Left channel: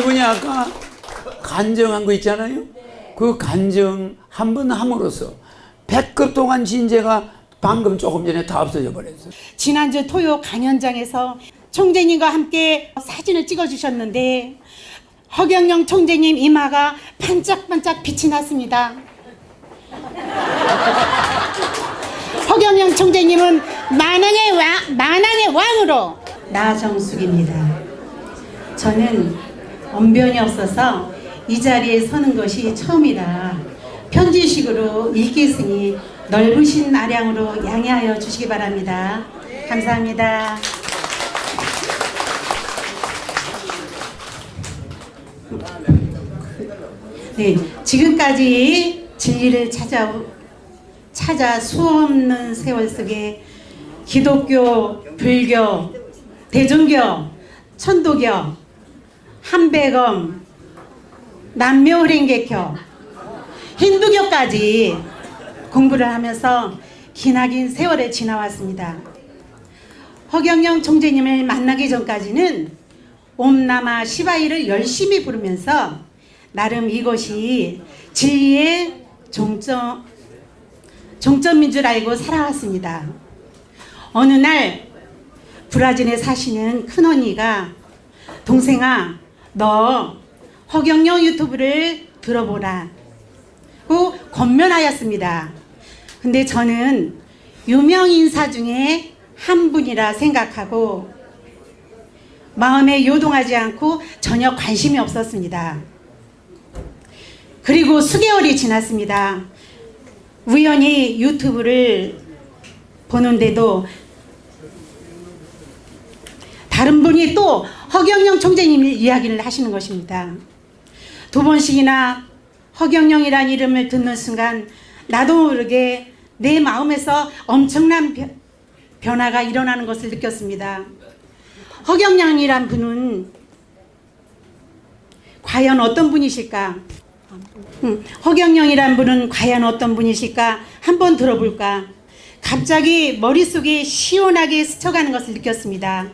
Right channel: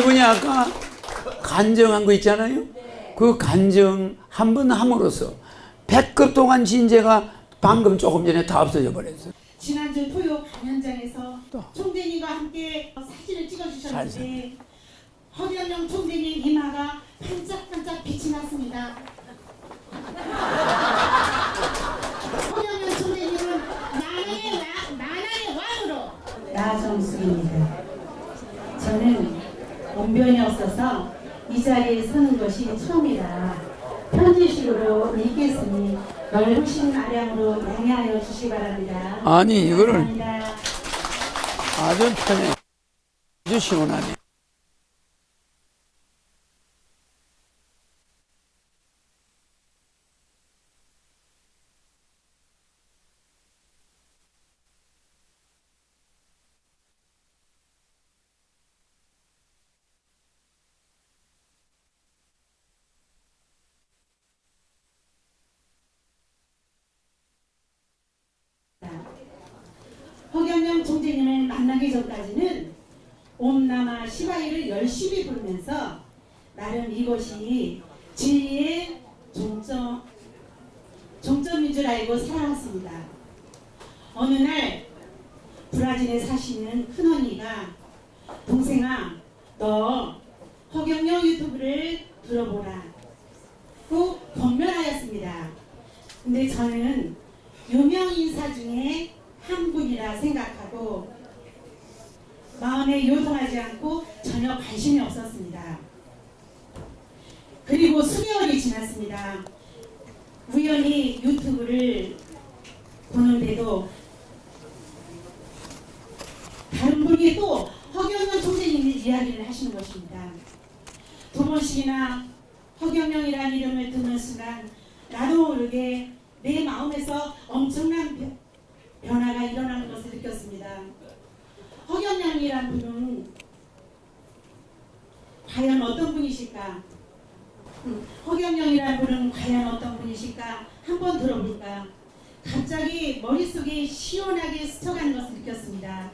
이분이 아까 간증한 거 있잖아요. 그 간증 한 번 함으로써 100급 동안 진죄가 방금 조금 전에 다 없어져 버렸어요. 지난주 토요 강연장에서 총재님과 함께 사진을 찍어주셨는데 허경영 총재님 이마가 반짝반짝 빛이 났습니다. 허경영 총재님은 만왕의 왕으로. 나정숙입니다. 저는 언변이 없어서 이 자리에 서는 것이 처음이라 편지식으로 읽겠으니 넓으신 아량으로 양해하여 주시기 바랍니다. 아니, 감사합니다. 아주 아주 시원하네. 네, 지금까지 진리를 찾아 수없는 세월 속에 기독교, 불교, 대종교, 천도교, 한백엄, 남묘흐랭개교, 힌두교까지 공부를 하면서 기나긴 세월을 지나왔습니다. 허경영 총재님을 만나기 전까지는 옴나마 시바이를 열심히 부르면서 나름 이것이 진리의 종점인 줄 알고 살아왔습니다. 어느 날 브라질에 사시는 큰언니가 동생아, 너 허경영 유튜브를 들어보라 고 권면하였습니다. 근데 저는 유명 인사 중에 한 분이라 생각하고 마음에 요동하지 않고 전혀 관심이 없었습니다. 그리고 수개월이 지났습니다. 우연히 유튜브를 보는데도 다른 분이 또 허경영 총재님 이야기를 하시는 것입니다. 두 번씩이나 허경영이란 이름을 듣는 순간 나도 모르게 내 마음에서 엄청난 변화가 일어나는 것을 느꼈습니다. 허경영이란 분은 과연 어떤 분이실까? 허경영이란 분은 과연 어떤 분이실까? 한번 들어볼까? 갑자기 머릿속에 시원하게 스쳐가는 것을 느꼈습니다.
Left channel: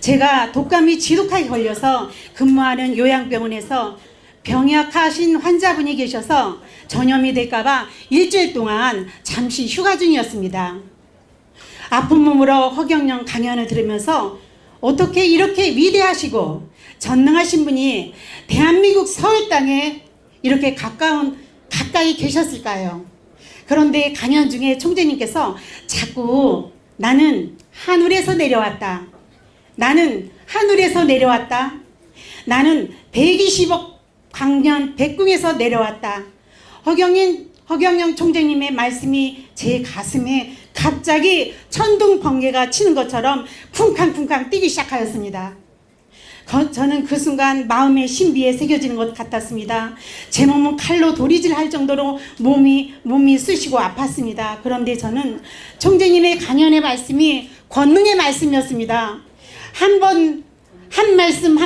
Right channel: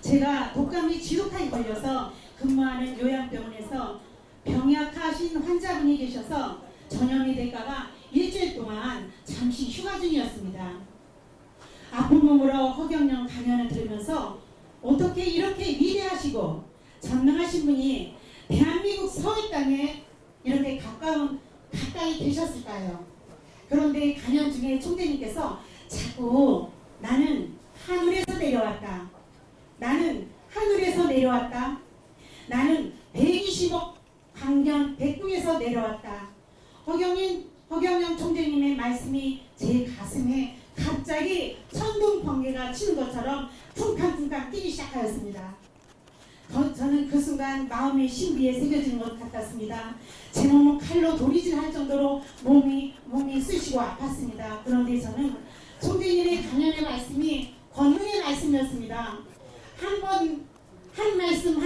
제가 독감이 지독하게 걸려서 근무하는 요양병원에서 병약하신 환자분이 계셔서 전염이 될까봐 일주일 동안 잠시 휴가 중이었습니다. 아픈 몸으로 허경영 강연을 들으면서 어떻게 이렇게 위대하시고 전능하신 분이 대한민국 서울 땅에 이렇게 가까이 계셨을까요? 그런데 강연 중에 총재님께서 자꾸 나는 하늘에서 내려왔다. 나는 하늘에서 내려왔다. 나는 120억 광년 백궁에서 내려왔다. 허경영 총재님의 말씀이 제 가슴에 갑자기 천둥 번개가 치는 것처럼 쿵쾅쿵쾅 뛰기 시작하였습니다. 저는 그 순간 마음의 신비에 새겨지는 것 같았습니다. 제 몸은 칼로 도리질할 정도로 몸이 쑤시고 아팠습니다. 그런데 저는 총재님의 강연의 말씀이 권능의 말씀이었습니다. 한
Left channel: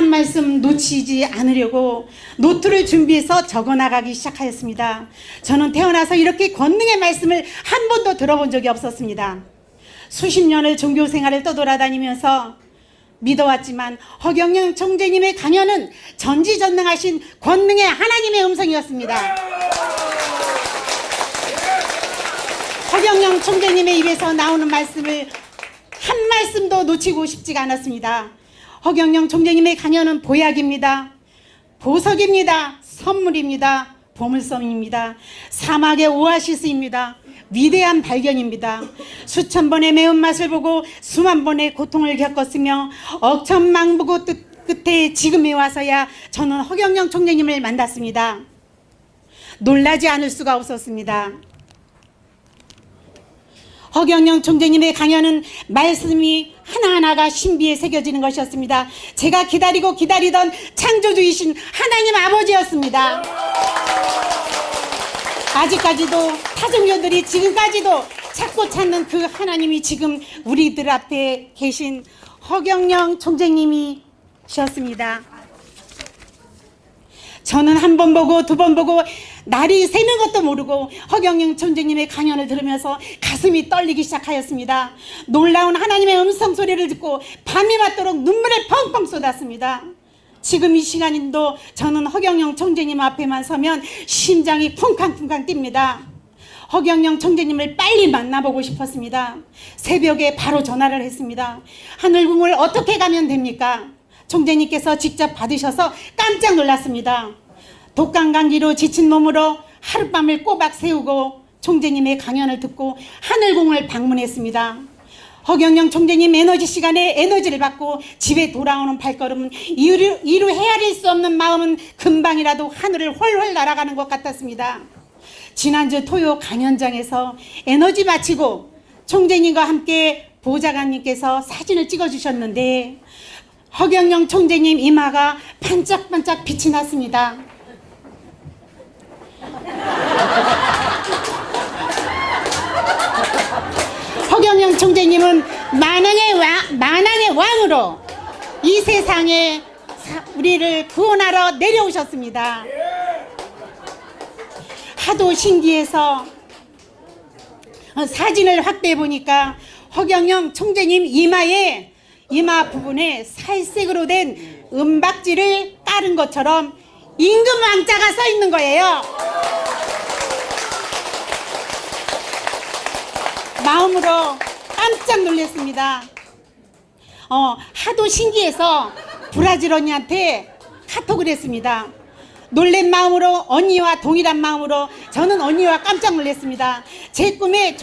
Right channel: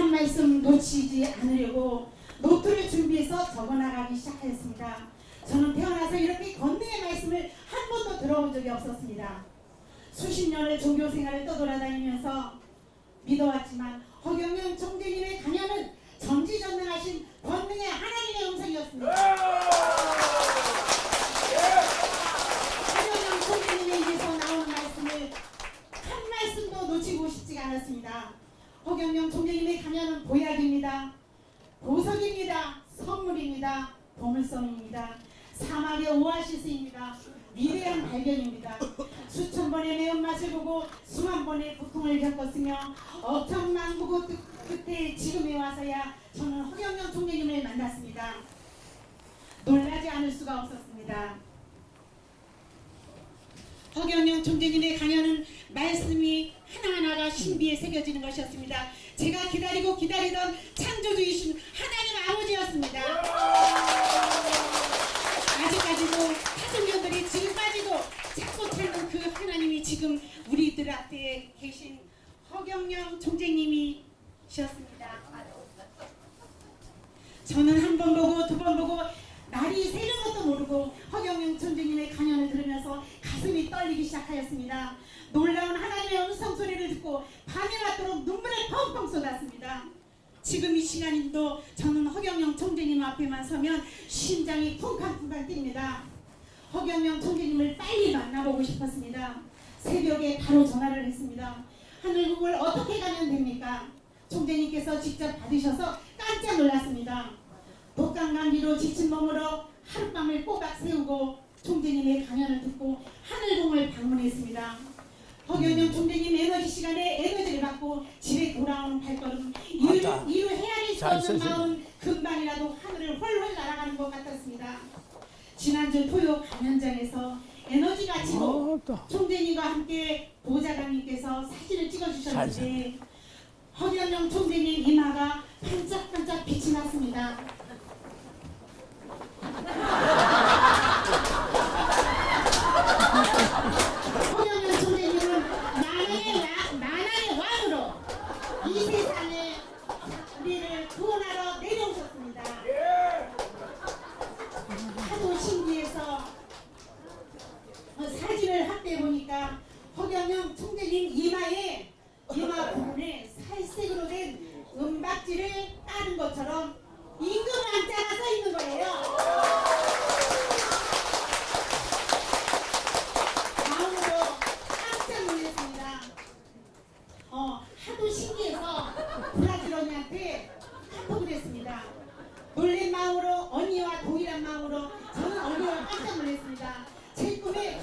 말씀 놓치지 않으려고 노트를 준비해서 적어나가기 시작하였습니다. 저는 태어나서 이렇게 권능의 말씀을 한 번도 들어본 적이 없었습니다. 수십 년을 종교 생활을 떠돌아다니면서 믿어왔지만 허경영 총재님의 강연은 전지전능하신 권능의 하나님의 음성이었습니다. 허경영 총재님의 입에서 나오는 말씀을 한 말씀도 놓치고 싶지가 않았습니다. 허경영 총재님의 강연은 보약입니다. 보석입니다. 선물입니다. 보물섬입니다. 사막의 오아시스입니다. 위대한 발견입니다. 수천 번의 매운맛을 보고 수만 번의 고통을 겪었으며 억천망부고 끝에 지금에 와서야 저는 허경영 총재님을 만났습니다. 놀라지 않을 수가 없었습니다. 허경영 총재님의 강연은 말씀이 하나하나가 신비에 새겨지는 것이었습니다. 제가 기다리던 창조주이신 하나님 아버지였습니다. 아직까지도 타종교들이 지금까지도 찾고 찾는 그 하나님이 지금 우리들 앞에 계신 허경영 총재님이셨습니다. 저는 한 번 보고 두 번 보고 날이 새는 것도 모르고 허경영 총재님의 강연을 들으면서 가슴이 떨리기 시작하였습니다. 놀라운 하나님의 음성 소리를 듣고 밤이 맞도록 눈물을 펑펑 쏟았습니다. 지금 이 시간인도 저는 허경영 총재님 앞에만 서면 심장이 쿵쾅쿵쾅 뜁니다. 허경영 총재님을 빨리 만나보고 싶었습니다. 새벽에 바로 전화를 했습니다. 하늘궁을 어떻게 가면 됩니까? 총재님께서 직접 받으셔서 깜짝 놀랐습니다. 독감감기로 지친 몸으로 하룻밤을 꼬박 새우고 총재님의 강연을 듣고 하늘궁을 방문했습니다. 허경영 총재님 에너지 시간에 에너지를 받고 집에 돌아오는 발걸음은 이루 헤아릴 수 없는 마음은 금방이라도 하늘을 훨훨 날아가는 것 같았습니다. 지난주 토요 강연장에서 에너지 마치고 총재님과 함께 보좌관님께서 사진을 찍어주셨는데 허경영 총재님 이마가 반짝반짝 빛이 났습니다. 허경영 총재님은 만왕의 왕으로 이 세상에 우리를 구원하러 내려오셨습니다. 하도 신기해서 사진을 확대해 보니까 허경영 총재님 이마 부분에 살색으로 된 은박지를 깔은 것처럼 임금 왕자가 서 있는 거예요. 마음으로 깜짝 놀랐습니다. 하도 신기해서 브라질 언니한테 카톡을 했습니다. 놀란 마음으로 언니와 동일한 마음으로 저는 언니와 깜짝 놀랐습니다. 제 꿈에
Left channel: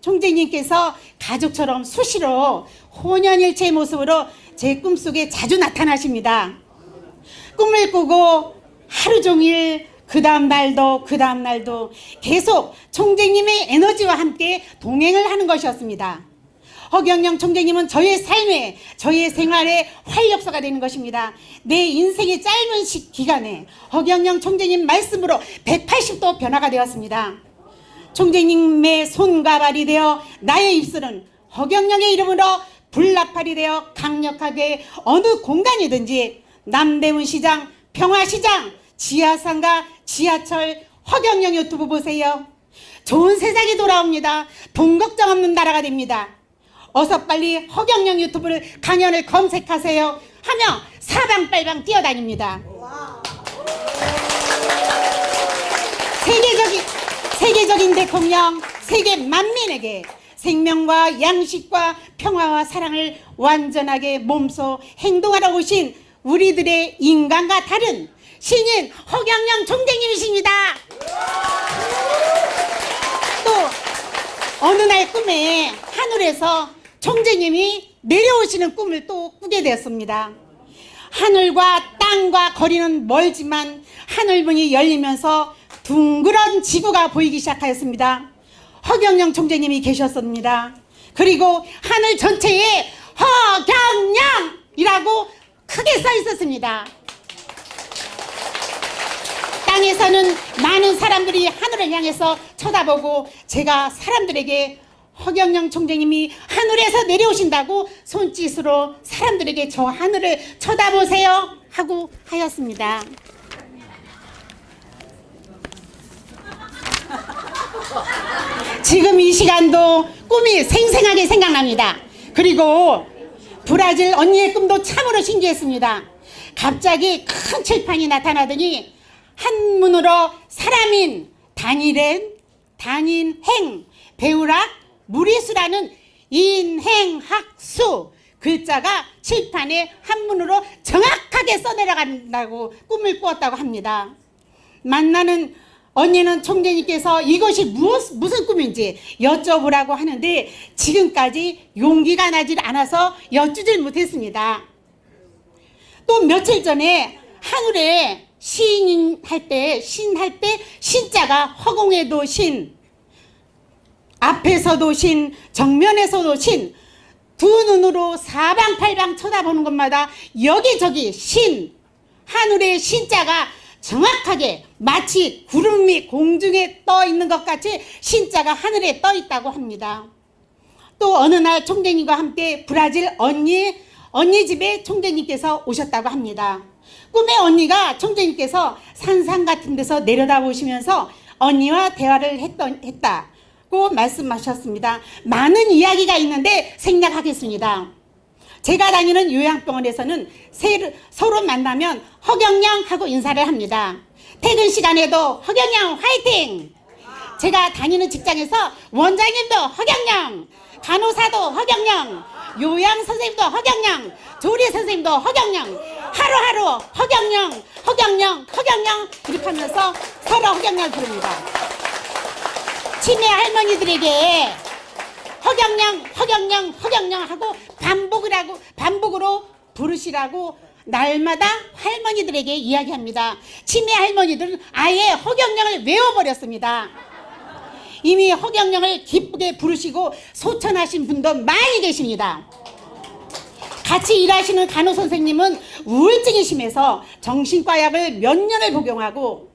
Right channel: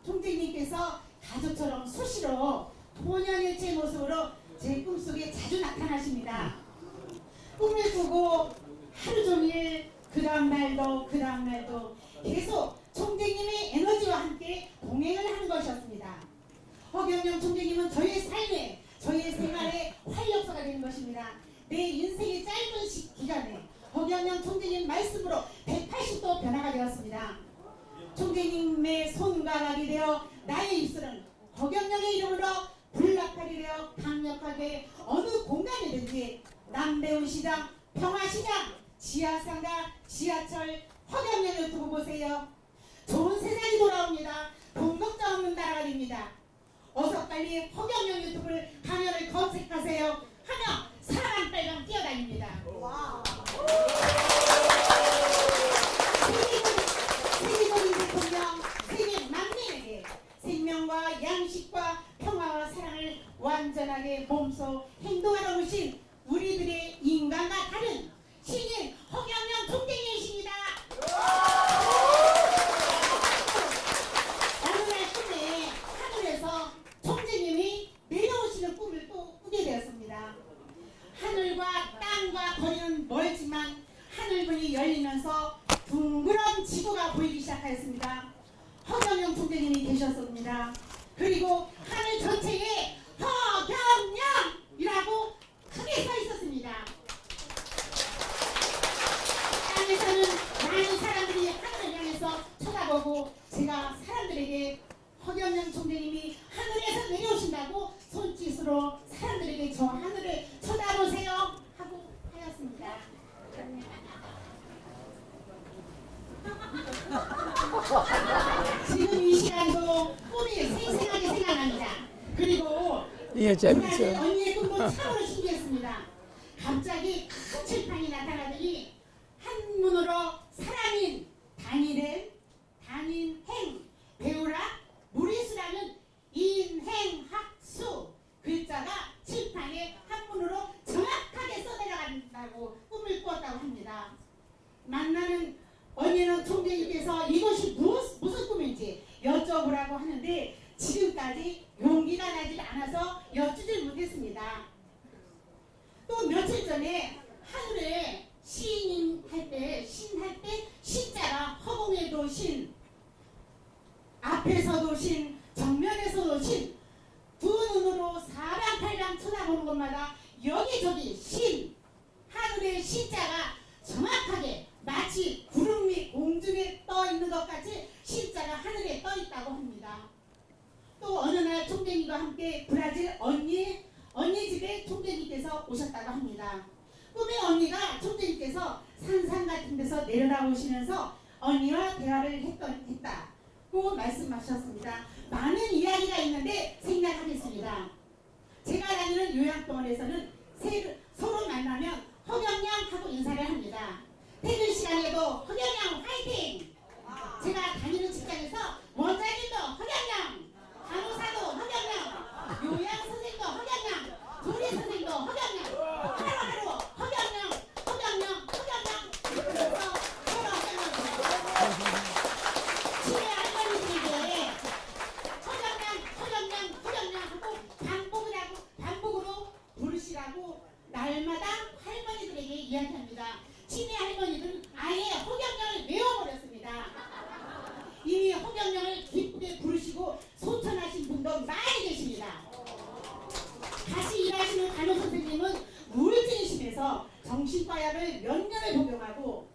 총재님께서 가족처럼 수시로 혼연일체의 모습으로 제 꿈속에 자주 나타나십니다. 꿈을 꾸고 하루 종일 그 다음 날도 계속 총재님의 에너지와 함께 동행을 하는 것이었습니다. 허경영 총재님은 저의 삶에, 저의 생활의 활력소가 되는 것입니다. 내 인생의 짧은 기간에 허경영 총재님 말씀으로 180도 변화가 되었습니다. 총재님의 손과 발이 되어 나의 입술은 허경영의 이름으로 불나팔이 되어 강력하게 어느 공간이든지 남대문 시장, 평화시장, 지하상가, 지하철, 허경영 유튜브 보세요. 좋은 세상이 돌아옵니다. 돈 걱정 없는 나라가 됩니다. 어서 빨리 허경영 유튜브를 강연을 검색하세요 하며 사방팔방 뛰어다닙니다. 세계적인 대통령, 세계 만민에게 생명과 양식과 평화와 사랑을 완전하게 몸소 행동하러 오신 우리들의 인간과 다른 신인 허경영 총재님이십니다. 또 어느 날 꿈에 하늘에서 총재님이 내려오시는 꿈을 또 꾸게 되었습니다. 하늘과 땅과 거리는 멀지만 하늘문이 열리면서 둥그런 지구가 보이기 시작하였습니다. 허경영 총재님이 계셨습니다. 그리고 하늘 전체에 허경영이라고 크게 써 있었습니다. 땅에서는 많은 사람들이 하늘을 향해서 쳐다보고 제가 사람들에게 허경영 총재님이 하늘에서 내려오신다고 손짓으로 사람들에게 저 하늘을 쳐다보세요 하고 하였습니다. 지금 이 시간도 꿈이 생생하게 생각납니다. 그리고 브라질 언니의 꿈도 참으로 신기했습니다. 갑자기 큰 칠판이 나타나더니 한문으로 사람인, 단일행, 단인행, 배우락, 무리수라는 인행학수 글자가 칠판에 한문으로 정확하게 써내려간다고 꿈을 꾸었다고 합니다. 만나는 언니는 총재님께서 이것이 무슨 꿈인지 여쭤보라고 하는데 지금까지 용기가 나질 않아서 여쭈질 못했습니다. 또 며칠 전에 하늘에 시인할 때 신자가 허공에도 신, 앞에서도 신, 정면에서도 신, 두 눈으로 사방팔방 쳐다보는 것마다 여기저기 신, 하늘의 신자가 정확하게 마치 구름이 공중에 떠 있는 것 같이 신자가 하늘에 떠 있다고 합니다. 또 어느 날 총재님과 함께 브라질 언니 집에 총재님께서 오셨다고 합니다. 꿈에 언니가 총재님께서 산상 같은 데서 내려다보시면서 언니와 대화를 했다고 말씀하셨습니다. 많은 이야기가 있는데 생략하겠습니다. 제가 다니는 요양병원에서는 서로 만나면 허경영 하고 인사를 합니다. 퇴근 시간에도 허경영 화이팅! 제가 다니는 직장에서 원장님도 허경영, 간호사도 허경영, 요양 선생님도 허경영, 조리 선생님도 허경영, 하루하루 허경영, 허경영, 허경영 이렇게 하면서 서로 허경영을 부릅니다. 치매 할머니들에게 허경영, 허경영, 허경영 하고 반복으로 부르시라고 날마다 할머니들에게 이야기합니다. 치매 할머니들은 아예 허경영을 외워버렸습니다. 이미 허경영을 기쁘게 부르시고 소천하신 분도 많이 계십니다. 같이 일하시는 간호 선생님은 우울증이 심해서 정신과 약을 몇 년을 복용하고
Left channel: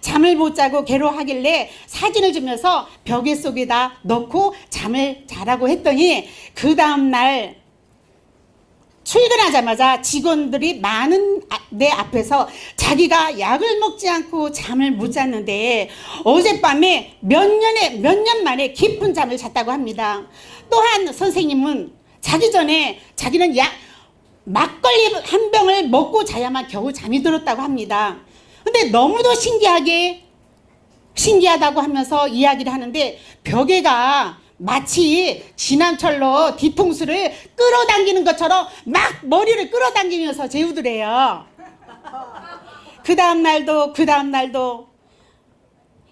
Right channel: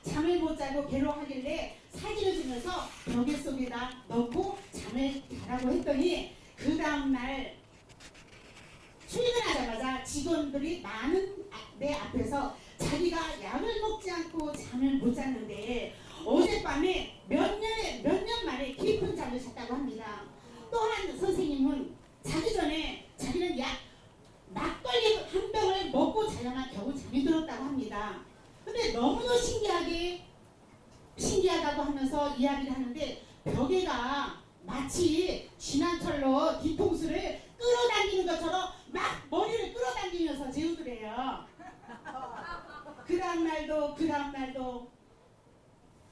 잠을 못 자고 괴로워하길래 사진을 주면서 벽에 속에다 넣고 잠을 자라고 했더니 그 다음날 출근하자마자 직원들이 많은 내 앞에서 자기가 약을 먹지 않고 잠을 못 잤는데 어젯밤에 몇 년 만에 깊은 잠을 잤다고 합니다. 또한 선생님은 자기 전에 자기는 막걸리 한 병을 먹고 자야만 겨우 잠이 들었다고 합니다. 근데 너무도 신기하다고 하면서 이야기를 하는데 벽에가 마치 지난철로 뒤통수를 끌어당기는 것처럼 막 머리를 끌어당기면서 재우더래요. 그 다음 날도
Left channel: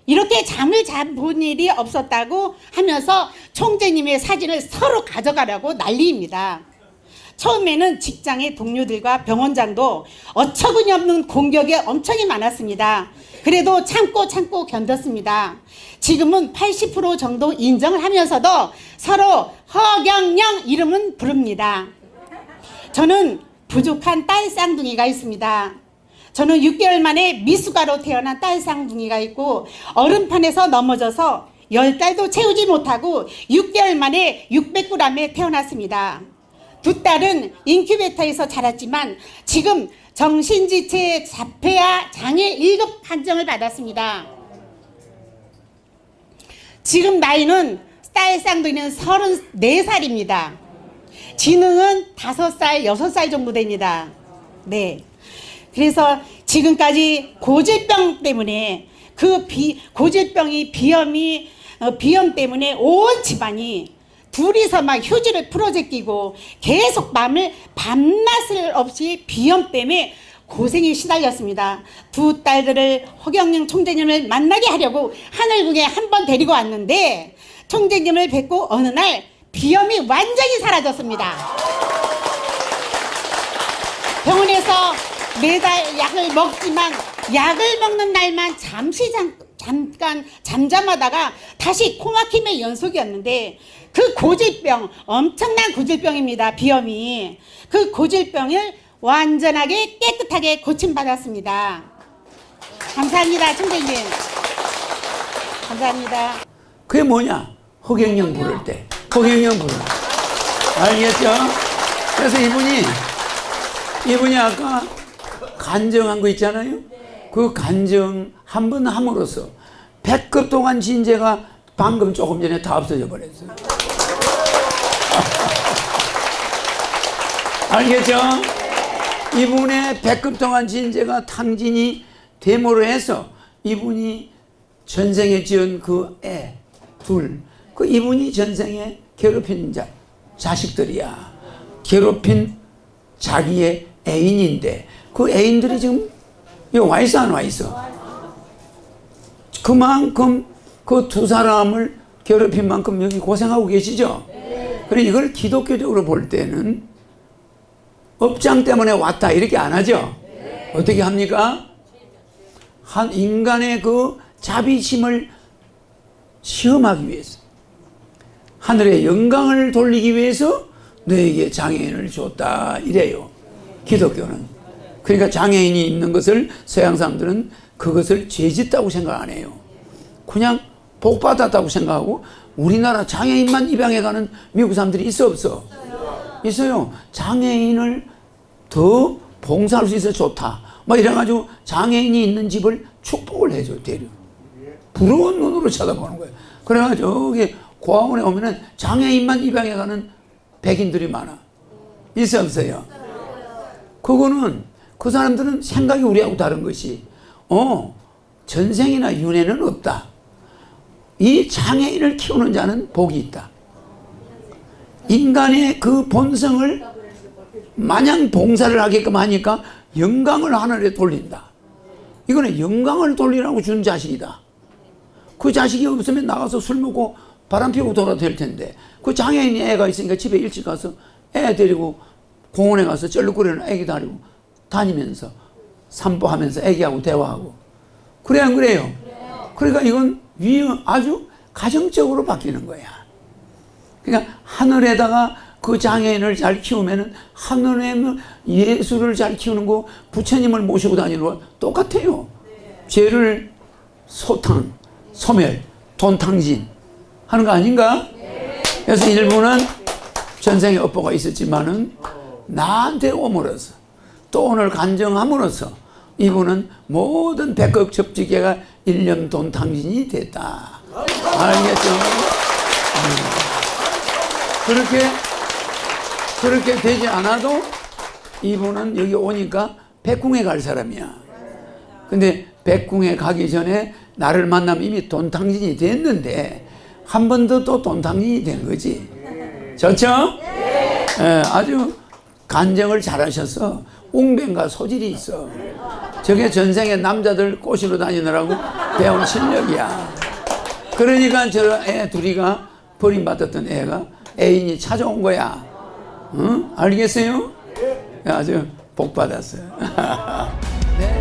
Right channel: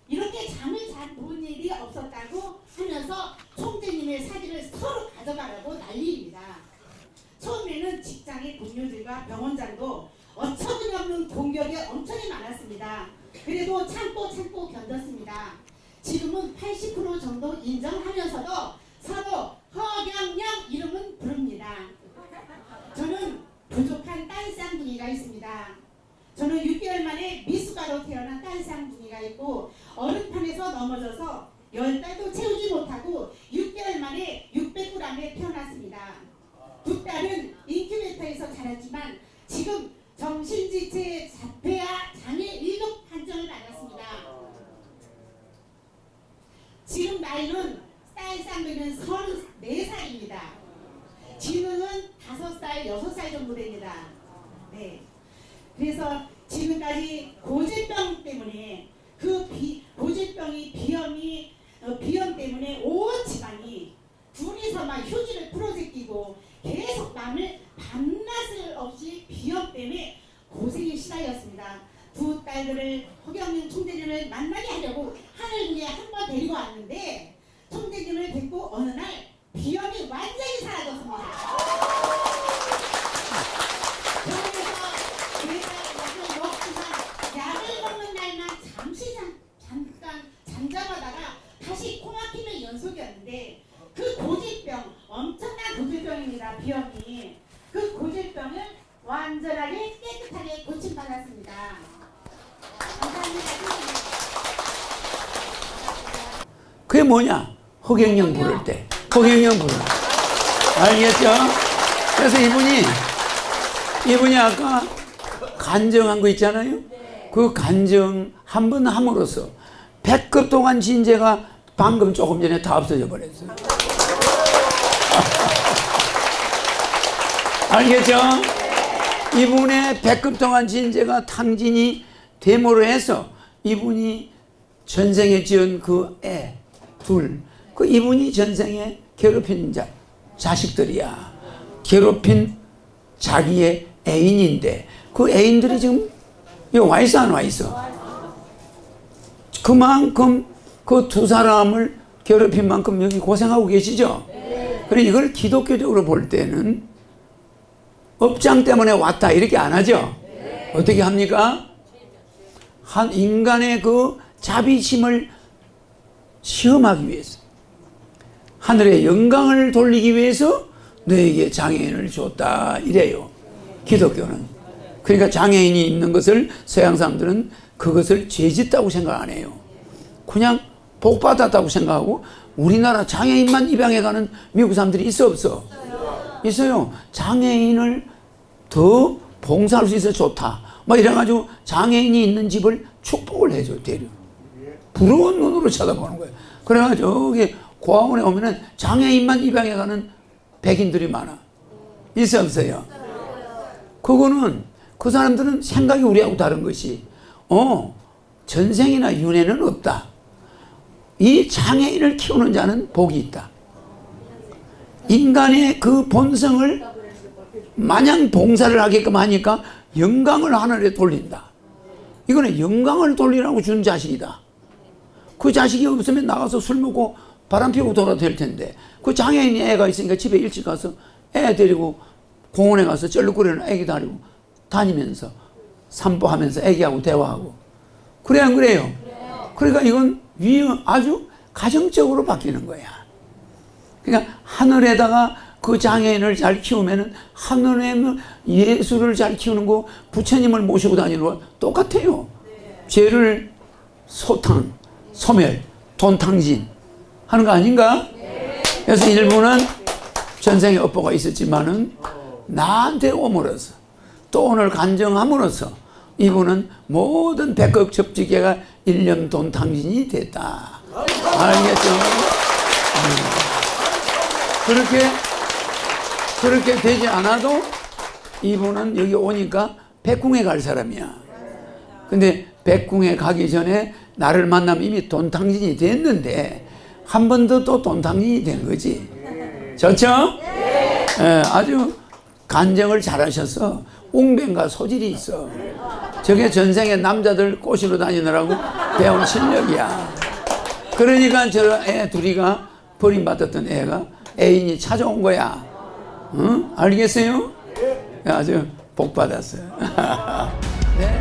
이렇게 잠을 본 일이 없었다고 하면서 총재님의 사진을 서로 가져가려고 난리입니다. 처음에는 직장의 동료들과 병원장도 어처구니 없는 공격이 엄청 많았습니다. 그래도 참고 견뎠습니다. 지금은 80% 정도 인정을 하면서도 서로 허경영 이름은 부릅니다. 저는 부족한 딸 쌍둥이가 있습니다. 저는 6개월 만에 미숙아로 태어난 딸 쌍둥이가 있고 얼음판에서 넘어져서 10달도 채우지 못하고 6개월 만에 600g에 태어났습니다. 두 딸은 인큐베이터에서 자랐지만 지금 정신지체 자폐아 장애 1급 판정을 받았습니다. 지금 나이는 딸 쌍둥이는 34살입니다. 지능은 5살, 6살 정도 됩니다. 네. 그래서 지금까지 고질병 때문에 고질병이 비염 때문에 온 집안이 둘이서 막 휴지를 풀어제끼고 계속 밤낮을 없이 비염 때문에 고생이 시달렸습니다. 두 딸들을 허경영 총재님을 만나게 하려고 하늘궁에 한번 데리고 왔는데 총재님을 뵙고 어느 날 비염이 완전히 사라졌습니다. 병원에서 매달 약을 먹지만 약을 먹는 날만 잠깐 잠잠하다가 다시 코막힘의 연속이었는데 그 고질병, 엄청난 고질병입니다. 비염이. 그 고질병을 완전하게 깨끗하게 고침받았습니다. 감사합니다. 총재님. 감사합니다. 그게 뭐냐? 허경영 부를 때. 허경영 부를 때. 알겠죠? 그래서 이분이 아까 간증한 거 있잖아요? 그 간증 한 번 함으로써 100급 동안 진제가 방금 조금 전에 다 없어져 버렸어요. 알겠죠? 이분의 100급 동안 진제가 탕진이 되므로 해서 이분이 전생에 지은 그 애 둘, 그 이분이 전생에 괴롭힌 자식들이야. 괴롭힌 자기의 애인인데 그 애인들이 지금 여기 와 있어 안 와 있어? 그만큼 그 두 사람을 괴롭힌 만큼 여기 고생하고 계시죠? 그래 이걸 기독교적으로 볼 때는 업장 때문에 왔다 이렇게 안 하죠? 어떻게 합니까? 한 인간의 그 자비심을 시험하기 위해서 하늘의 영광을 돌리기 위해서 너에게 장애인을 줬다 이래요. 기독교는. 그러니까 장애인이 있는 것을 서양 사람들은 그것을 죄짓다고 생각 안 해요. 그냥 복 받았다고 생각하고 우리나라 장애인만 입양해 가는 미국 사람들이 있어 없어? 있어요. 장애인을 더 봉사할 수 있어 좋다. 막 이래가지고 장애인이 있는 집을 축복을 해줘 대려. 부러운 눈으로 쳐다보는 거예요. 그래가지고 여기 고아원에 오면은 장애인만 입양해 가는 백인들이 많아. 있어 없어요? 그거는 그 사람들은 생각이 우리하고 다른 것이 전생이나 윤회는 없다. 이 장애인을 키우는 자는 복이 있다. 인간의 그 본성을 마냥 봉사를 하게끔 하니까 영광을 하늘에 돌린다. 이거는 영광을 돌리라고 준 자식이다. 그 자식이 없으면 나가서 술 먹고 바람 피우고 돌아도 될 텐데, 그 장애인 애가 있으니까 집에 일찍 가서 애 데리고 공원에 가서 쩔룩거리는 애기 다리고 다니면서 산보하면서 애기하고 대화하고. 그래 안 그래요? 그러니까 이건 아주 가정적으로 바뀌는 거야. 그러니까 하늘에다가 그 장애인을 잘 키우면은 하늘에는 예수를 잘 키우는 거, 부처님을 모시고 다니는 거 똑같아요. 죄를 소멸, 돈탕진 하는 거 아닌가? 그래서 일부는 전생에 업보가 있었지만은 나한테 오므로써 또 오늘 간정함으로써 이분은 모든 백억 접지계가 일념 돈탕진이 됐다. 알겠죠? 그렇게 되지 않아도 이분은 여기 오니까 백궁에 갈 사람이야. 근데 백궁에 가기 전에 나를 만나면 이미 돈탕진이 됐는데 한 번 더 또 돈탕진이 된 거지. 좋죠? 아주 간정을 잘하셔서 웅변과 소질이 있어. 저게 전생에 남자들 꼬시러 다니느라고 배운 실력이야. 그러니까 저 애 둘이가 버림받았던 애가 애인이 찾아온 거야. 응? 알겠어요? 아주 복 받았어요. 네.